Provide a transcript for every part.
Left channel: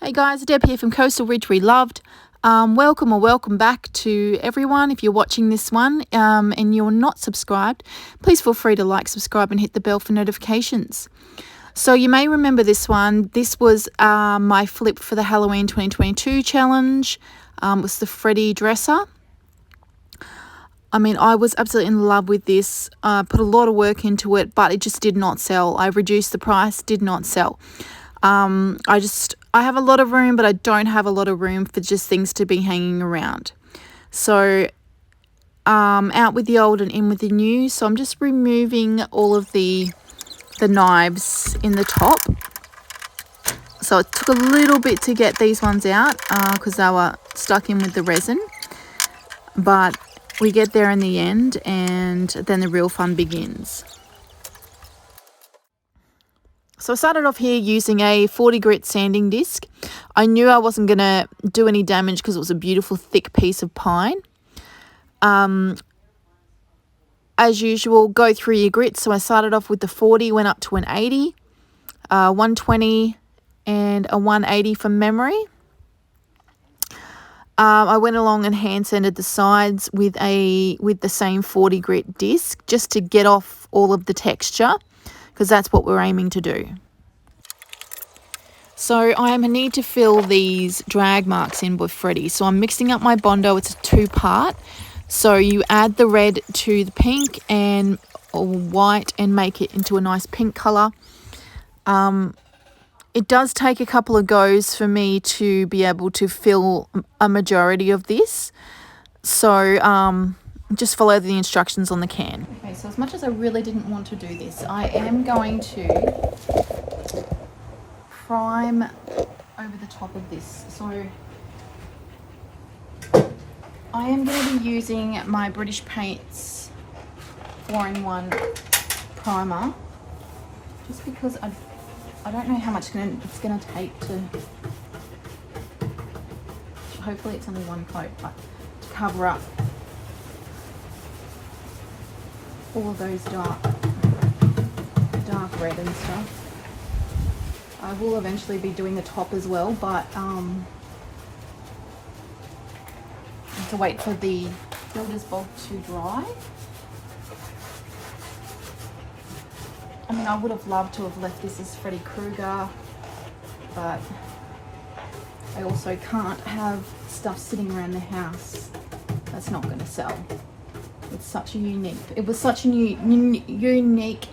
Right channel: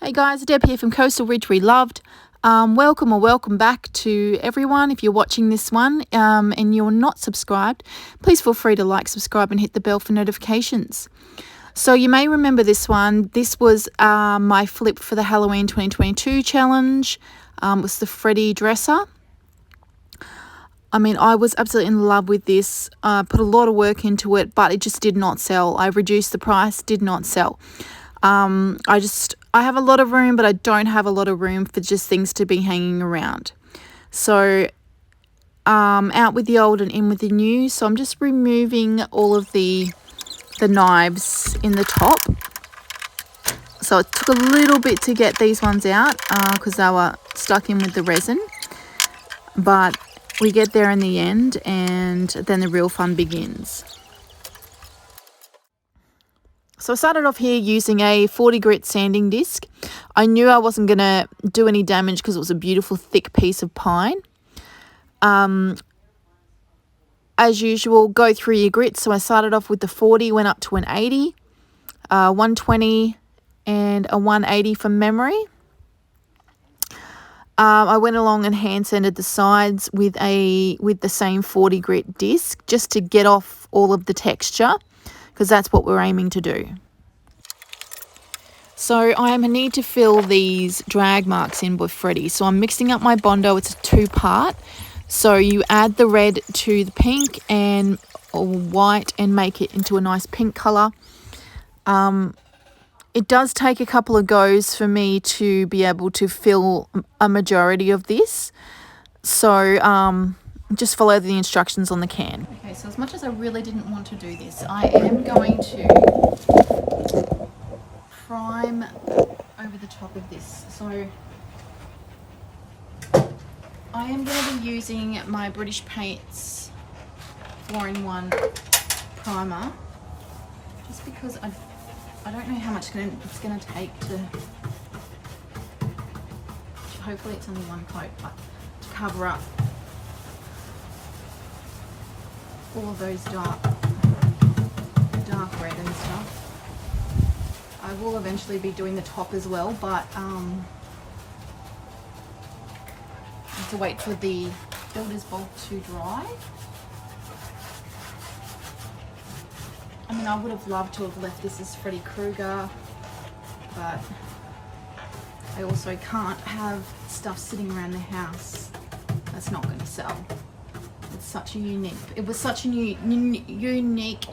Hey guys, Deb here from Coastal Ridge Reloved. Welcome back to everyone. If you're watching this one and you're not subscribed, please feel free to like, subscribe and hit the bell for notifications. So you may remember this one. This was my flip for the Halloween 2022 challenge. It was the Freddy dresser. I mean, I was absolutely in love with this. Put a lot of work into it, but it just did not sell. I reduced the price, did not sell. I have a lot of room, but I don't have a lot of room for just things to be hanging around. So out with the old and in with the new. So I'm just removing all of the knives in the top. So it took a little bit to get these ones out because they were stuck in with the resin. But we get there in the end, and then the real fun begins. So I started off here using a 40 grit sanding disc. I knew I wasn't going to do any damage because it was a beautiful thick piece of pine. As usual, go through your grits. So I started off with the 40, went up to an 80, 120 and a 180 from memory. I went along and hand sanded the sides with the same 40 grit disc just to get off all of the texture, because that's what we're aiming to do. So I need to fill these drag marks in with Freddy. So I'm mixing up my Bondo. It's a 2-part. So you add the red to the pink and white and make it into a nice pink colour. It does take a couple of goes for me to be able to fill a majority of this. So just follow the instructions on the can. Okay, so as much as I really didn't want to do this, I am going to prime over the top of this. So I am going to be using my British Paints 4-in-1 primer, just because I don't know how much it's going to take to, hopefully it's only one coat, but to cover up all of those dark red and stuff. I will eventually be doing the top as well, but I have to wait for the builder's bog to dry. I mean, I would have loved to have left this as Freddy Krueger, but I also can't have stuff sitting around the house that's not going to sell. It's such a unique, it was such a unique.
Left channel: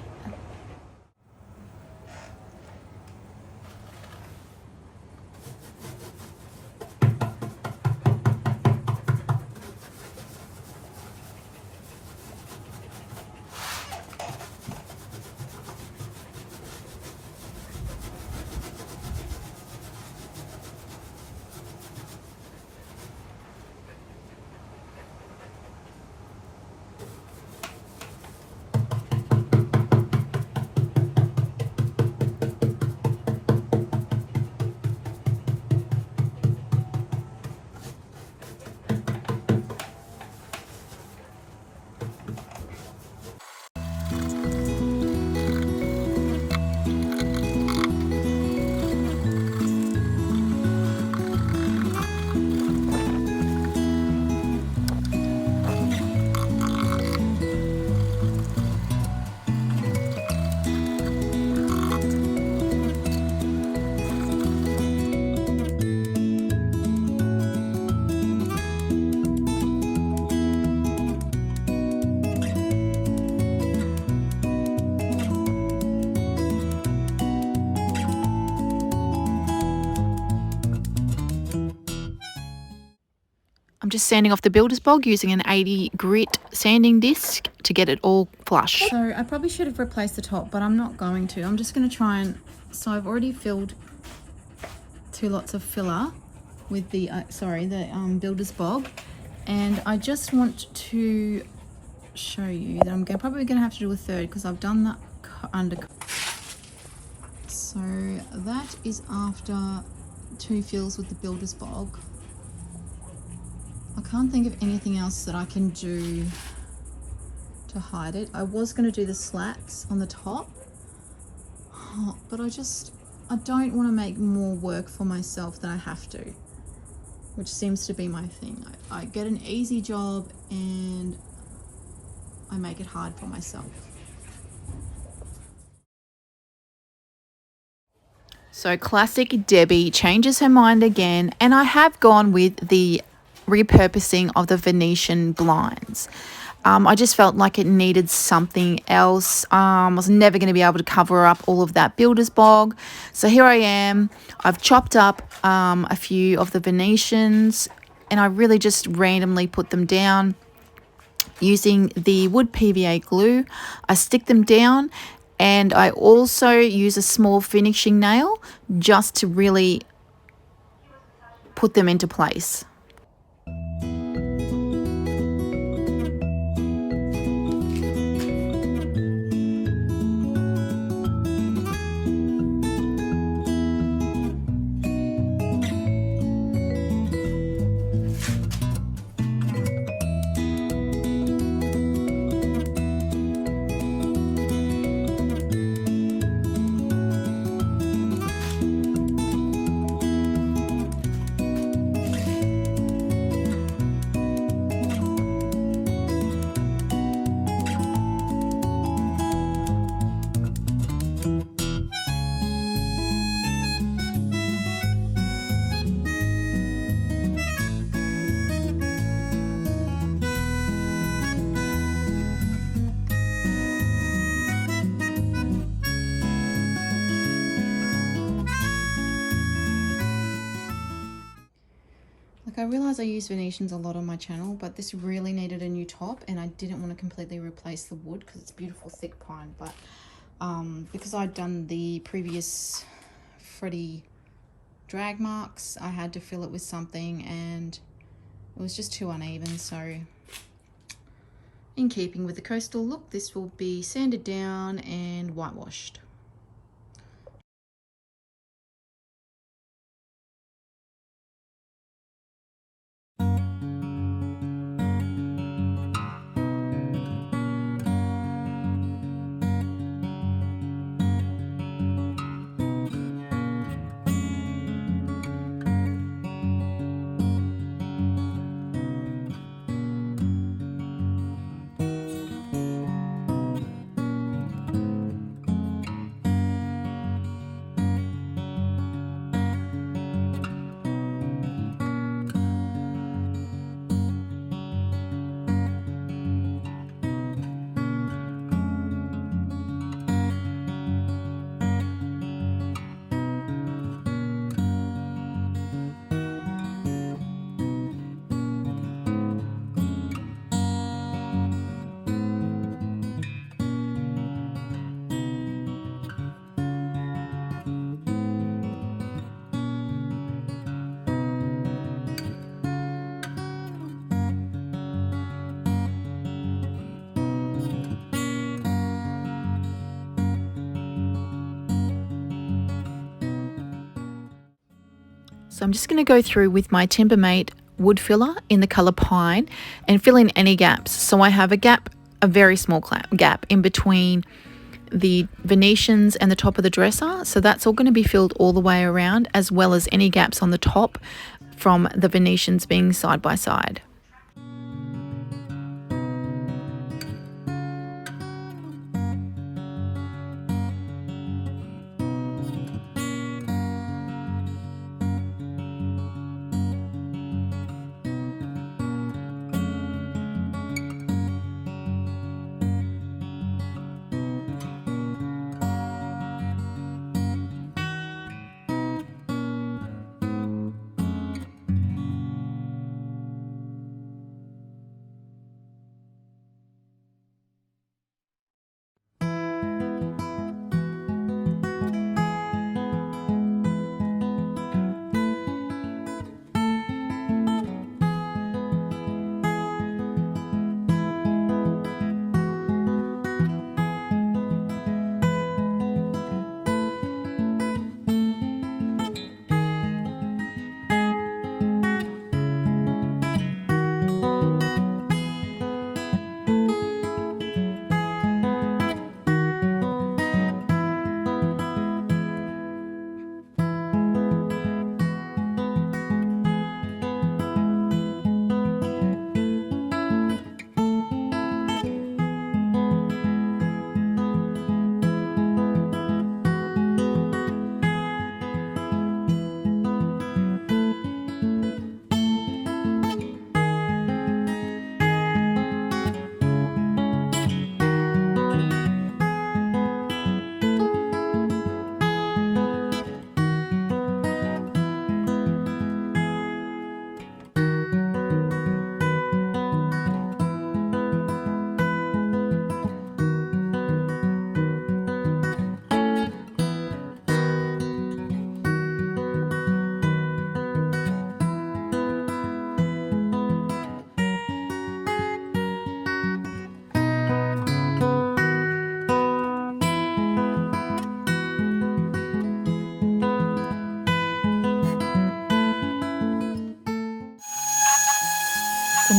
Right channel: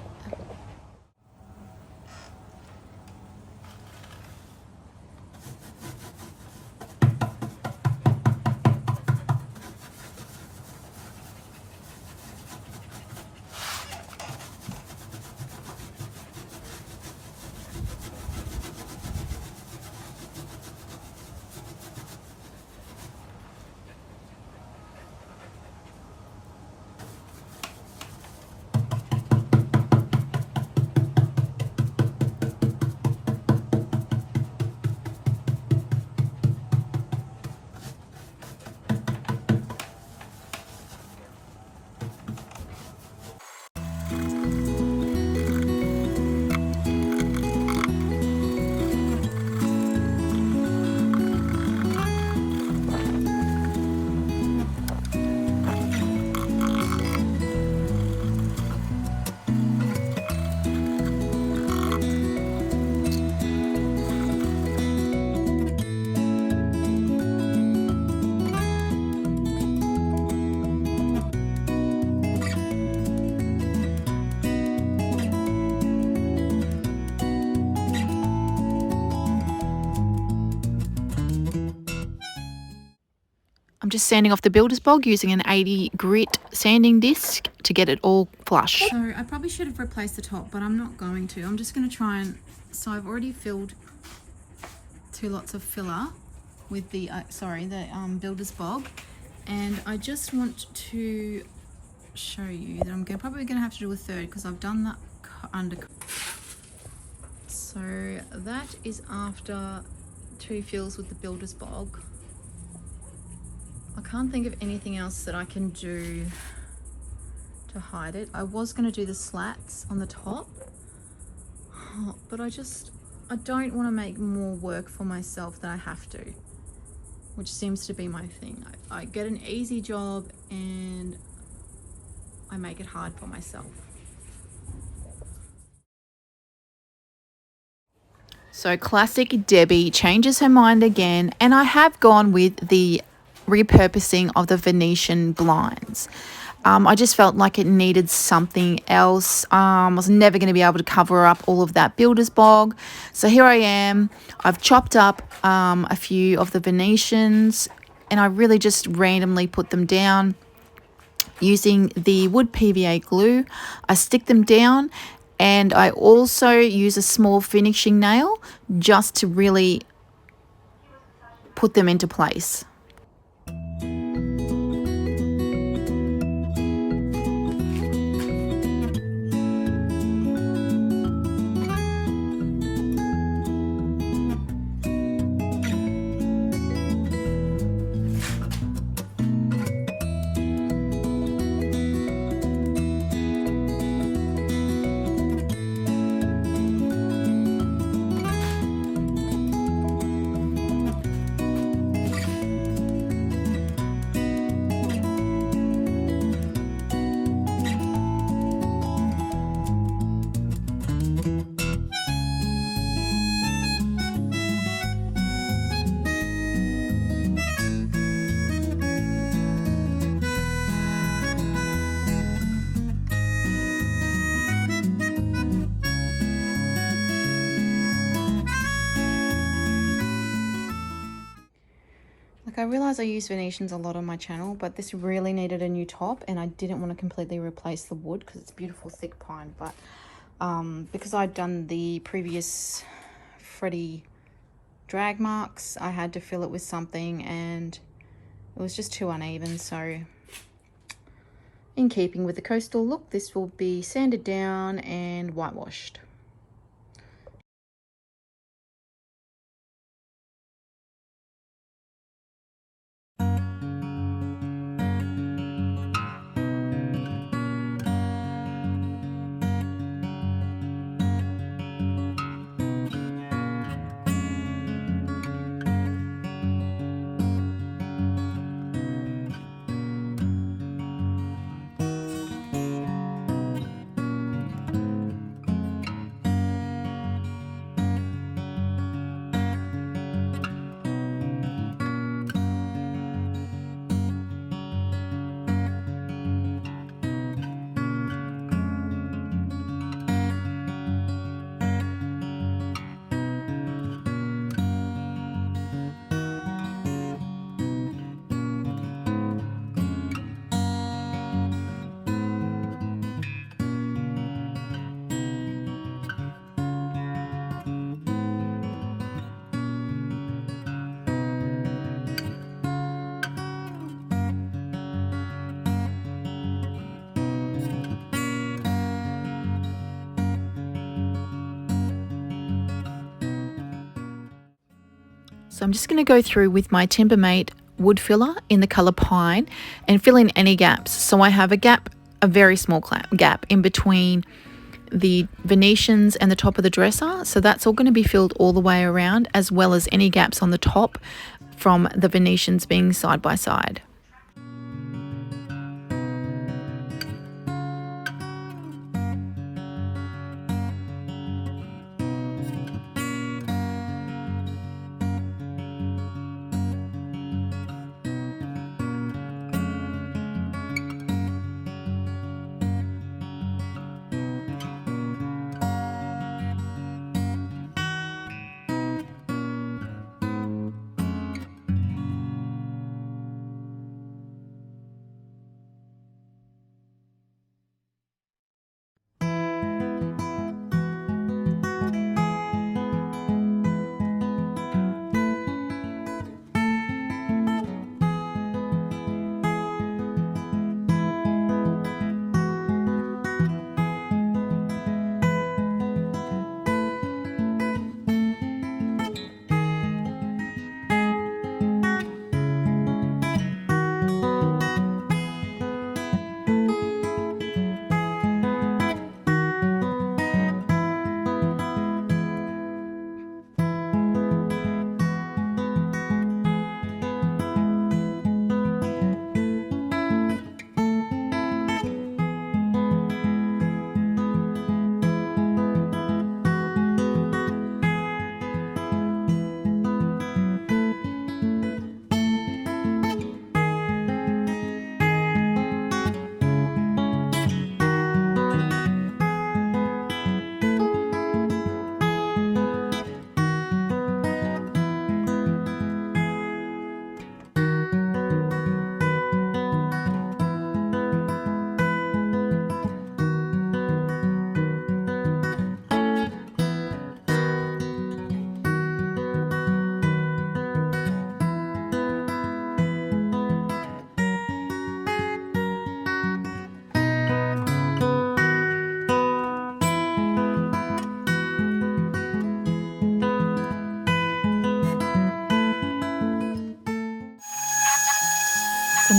I'm just sanding off the builder's bog using an 80 grit sanding disc to get it all flush. So I probably should have replaced the top, but I'm not going to. I'm just going to try and, so I've already filled 2 lots of filler with the, builder's bog. And I just want to show you that I'm probably going to have to do a third because I've done that under. So that is after 2 fills with the builder's bog. I can't think of anything else that I can do to hide it. I was going to do the slats on the top, but I don't want to make more work for myself than I have to, which seems to be my thing. I get an easy job and I make it hard for myself. So classic Debbie changes her mind again, and I have gone with the repurposing of the Venetian blinds. I just felt like it needed something else. I was never going to be able to cover up all of that builder's bog. So here I am. I've chopped up a few of the Venetians, and I really just randomly put them down using the wood PVA glue. I stick them down, and I also use a small finishing nail just to really put them into place. Like, I realise I use Venetians a lot on my channel, but this really needed a new top, and I didn't want to completely replace the wood because it's beautiful thick pine. But because I'd done the previous Freddy drag marks, I had to fill it with something, and it was just too uneven. So in keeping with the coastal look, this will be sanded down and whitewashed. So I'm just going to go through with my Timbermate wood filler in the colour pine and fill in any gaps. So I have a gap, a very small gap in between the Venetians and the top of the dresser. So that's all going to be filled all the way around, as well as any gaps on the top from the Venetians being side by side.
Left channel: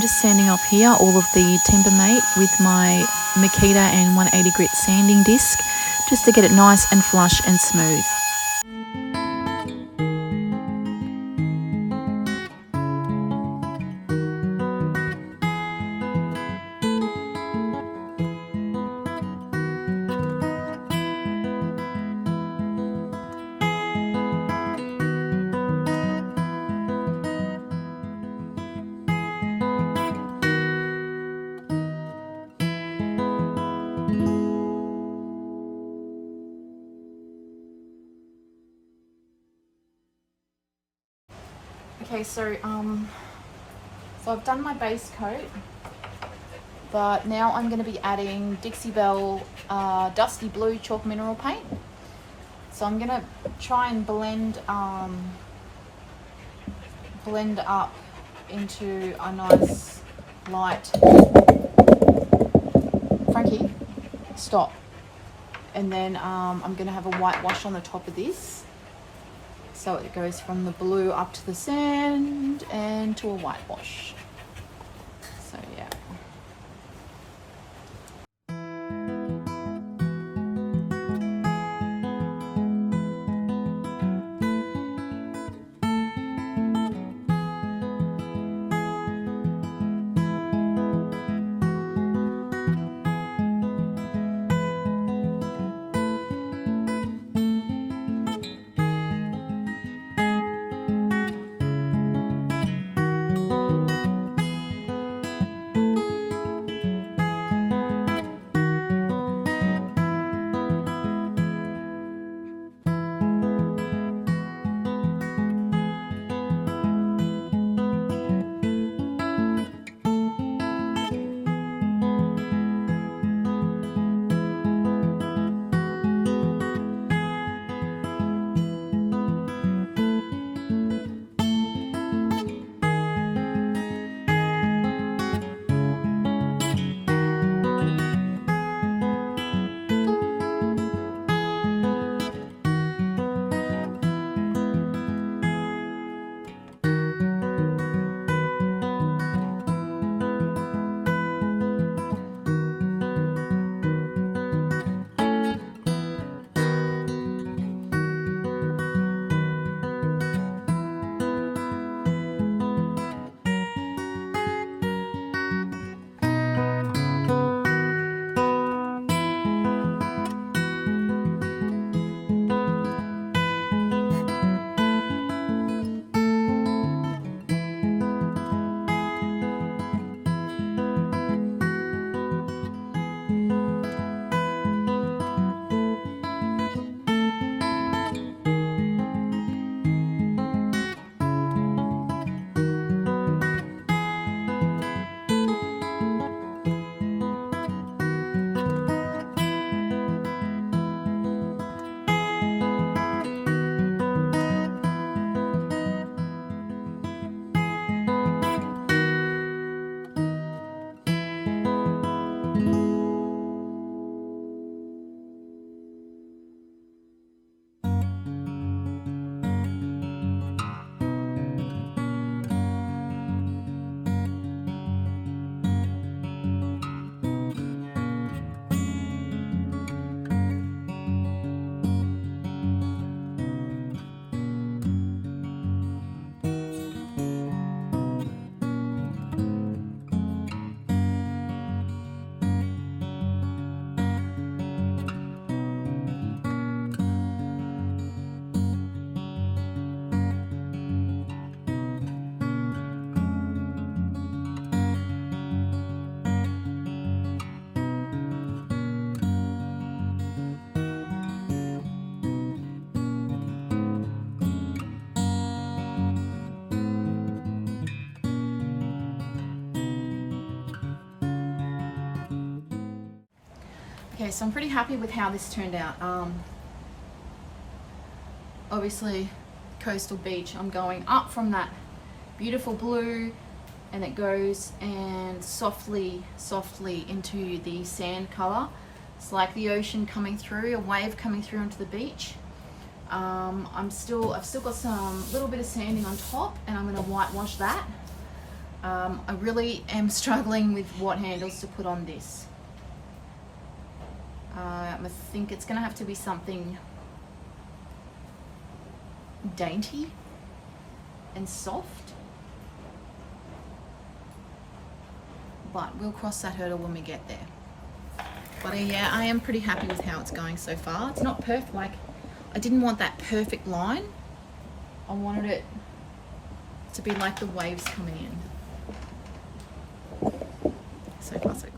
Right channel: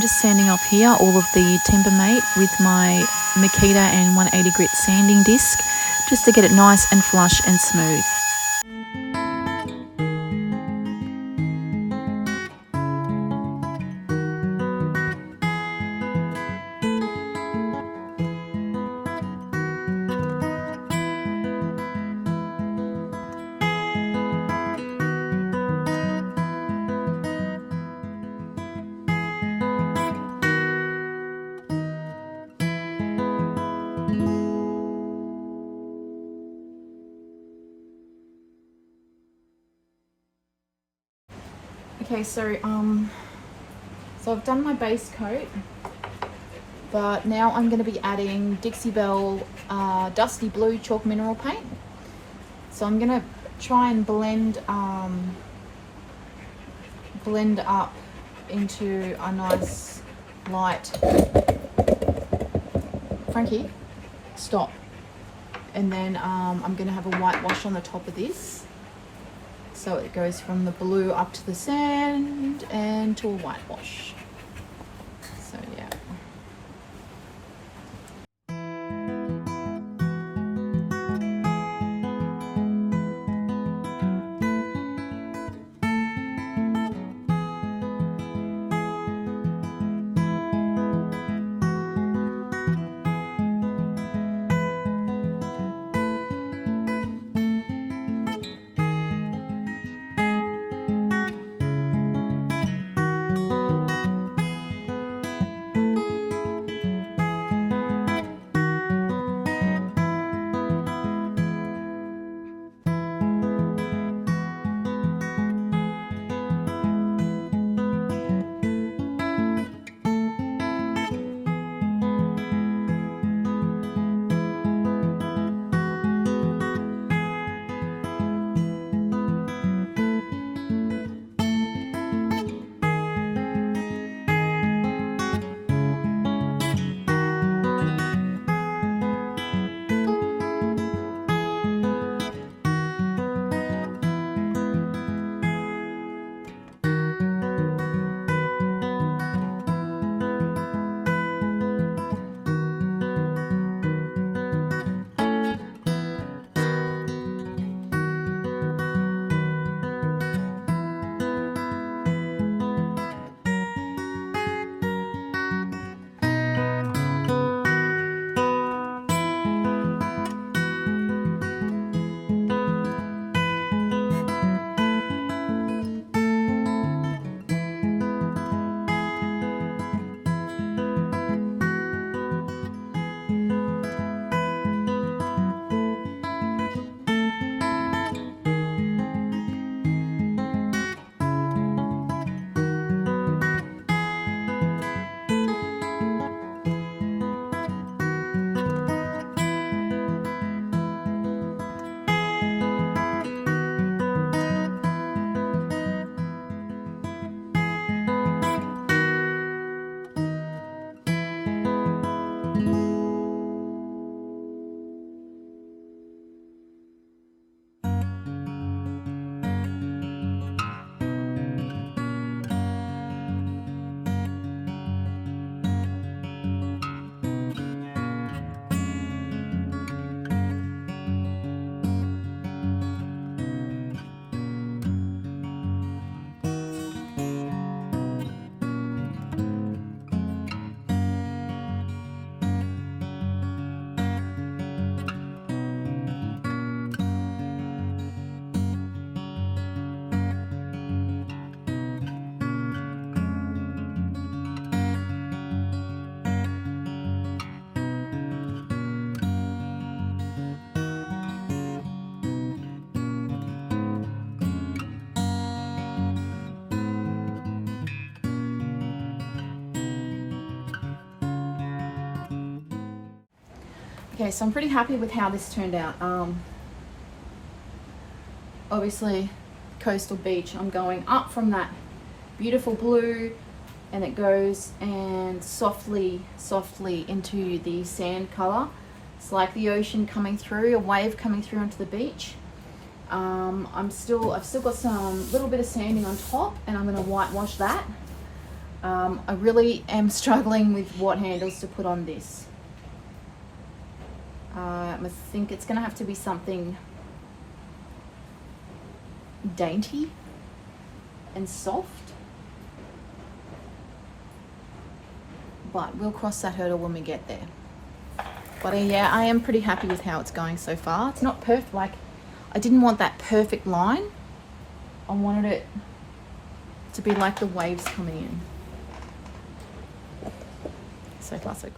just sanding off here all of the Timbermate with my Makita and 180 grit sanding disc, just to get it nice and flush and smooth. Okay, so I've done my base coat, but now I'm going to be adding Dixie Belle Dusty Blue Chalk Mineral Paint. So I'm going to try and blend up into a nice light. Frankie, stop. And then I'm going to have a whitewash on the top of this. So it goes from the blue up to the sand and to a whitewash. So yeah. Okay, so I'm pretty happy with how this turned out. Obviously, coastal beach, I'm going up from that beautiful blue, and it goes and softly into the sand color. It's like the ocean coming through, a wave coming through onto the beach. I've still got some little bit of sanding on top, and I'm going to whitewash that. I really am struggling with what handles to put on this. I think it's going to have to be something dainty and soft, but we'll cross that hurdle when we get there. But yeah, I am pretty happy with how it's going so far. It's not perfect, like I didn't want that perfect line. I wanted it to be like the waves coming in. So far so good.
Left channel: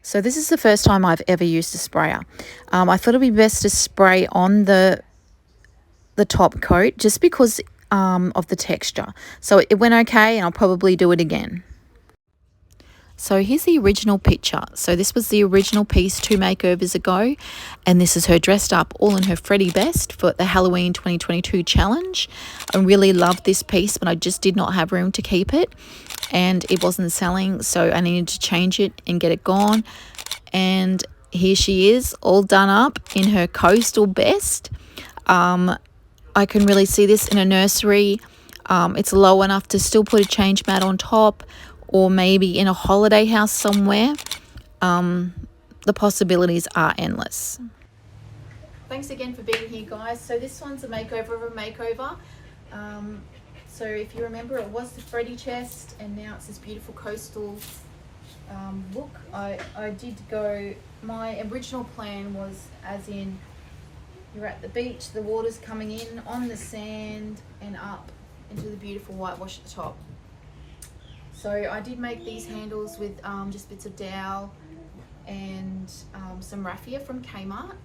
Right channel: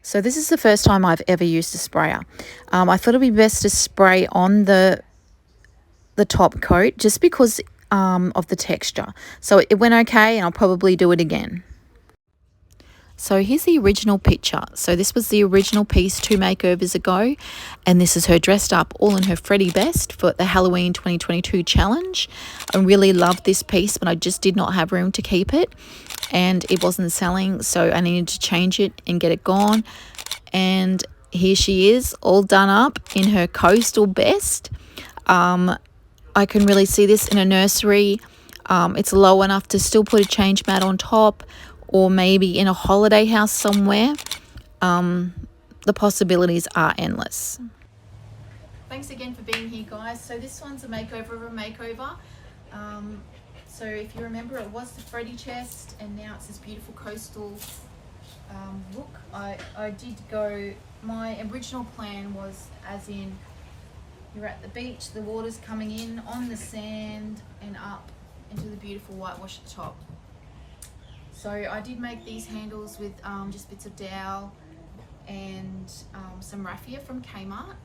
So this is the first time I've ever used a sprayer. I thought it'd be best to spray on the top coat just because of the texture. So it went okay, and I'll probably do it again. So here's the original picture. So this was the original piece 2 makeovers ago, and this is her dressed up all in her Freddy best for the Halloween 2022 challenge. I really loved this piece, but I just did not have room to keep it, and it wasn't selling, so I needed to change it and get it gone. And here she is, all done up in her coastal best. I can really see this in a nursery. It's low enough to still put a change mat on top, or maybe in a holiday house somewhere. The possibilities are endless. Thanks again for being here, guys. So this one's a makeover of a makeover. So if you remember, it was the Freddy chest, and now it's this beautiful coastal look. I did go, my original plan was as in you're at the beach, the water's coming in on the sand and up into the beautiful whitewash at the top. So I did make these handles with just bits of Dowel and some raffia from Kmart.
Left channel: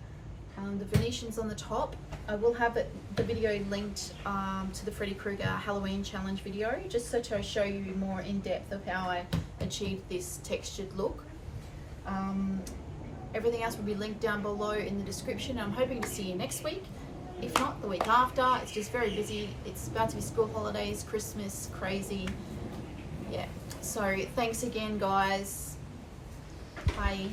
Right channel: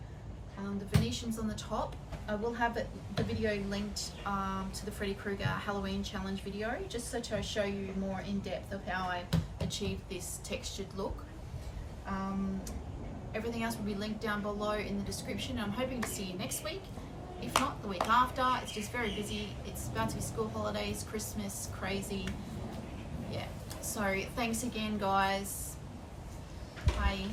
The Venetians on the top. I will have the video linked to the Freddy Krueger Halloween challenge video, just so to show you more in depth of how I achieved this textured look. Everything else will be linked down below in the description. I'm hoping to see you next week. If not, the week after. It's just very busy. It's about to be school holidays, Christmas, crazy. Yeah. So thanks again, guys. Bye.